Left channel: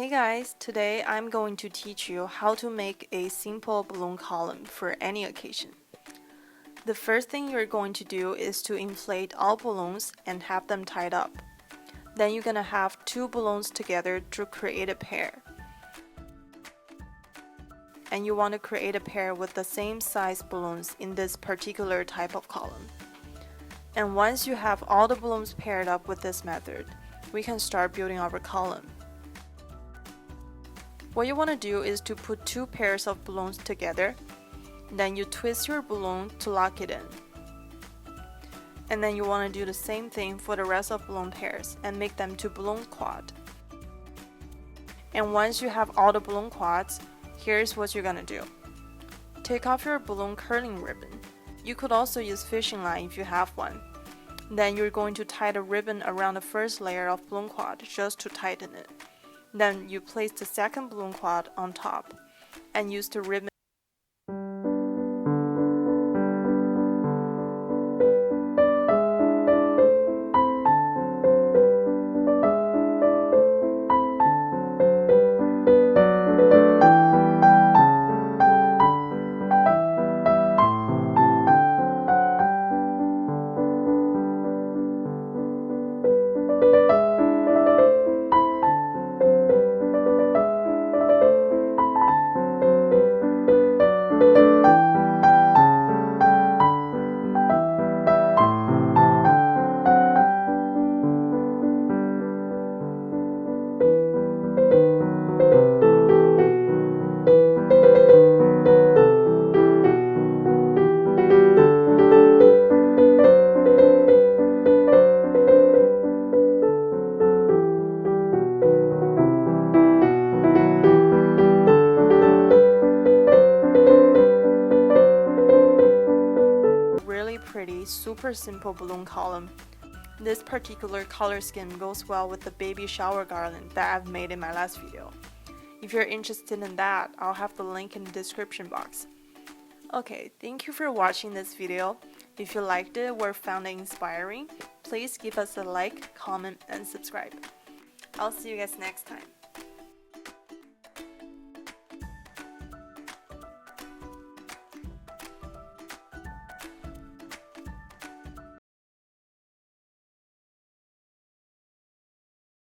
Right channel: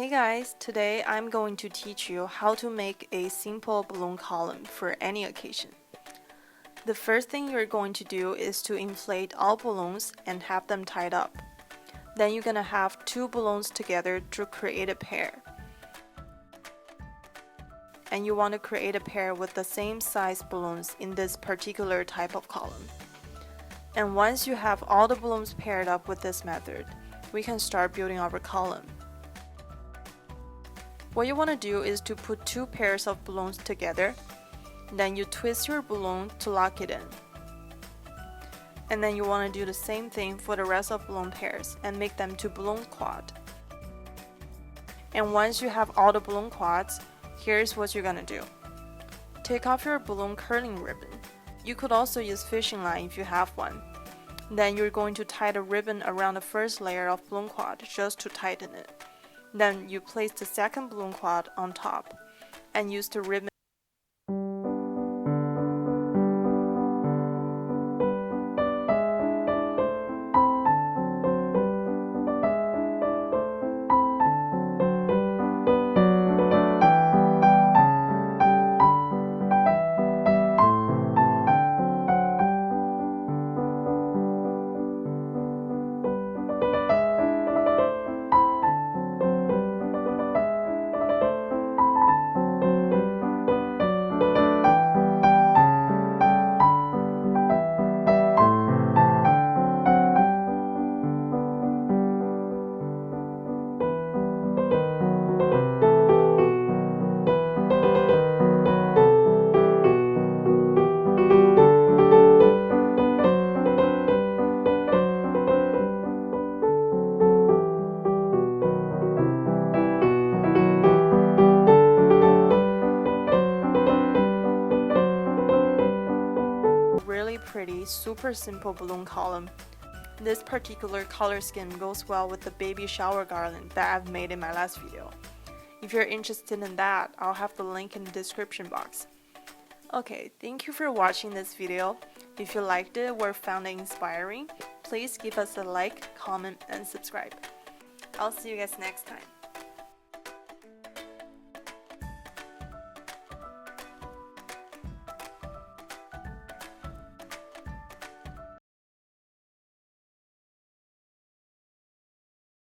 Hey guys, today I'm going to teach you how to make a simple balloon column for any occasion. The first thing you're going to do is to inflate all balloons and have them tied up. Then you're gonna have two balloons together to create a pair. And you want to create a pair with the same size balloons in this particular type of column. And once you have all the balloons paired up with this method, we can start building our column. What you want to do is to put two pairs of balloons together, then you twist your balloon to lock it in. And then you want to do the same thing for the rest of balloon pairs and make them to balloon quad. And once you have all the balloon quads, here's what you're gonna do. Take off your balloon curling ribbon. You could also use fishing line if you have one. Then you're going to tie the ribbon around the first layer of balloon quad just to tighten it. Then you place the second balloon quad on top and use the ribbon. Really pretty, super simple balloon column. This particular color scheme goes well with the baby shower garland that I've made in my last video. If you're interested in that, I'll have the link in the description box. Okay, thank you for watching this video. If you liked it or found it inspiring, please give us a like, comment, and subscribe. I'll see you guys next time.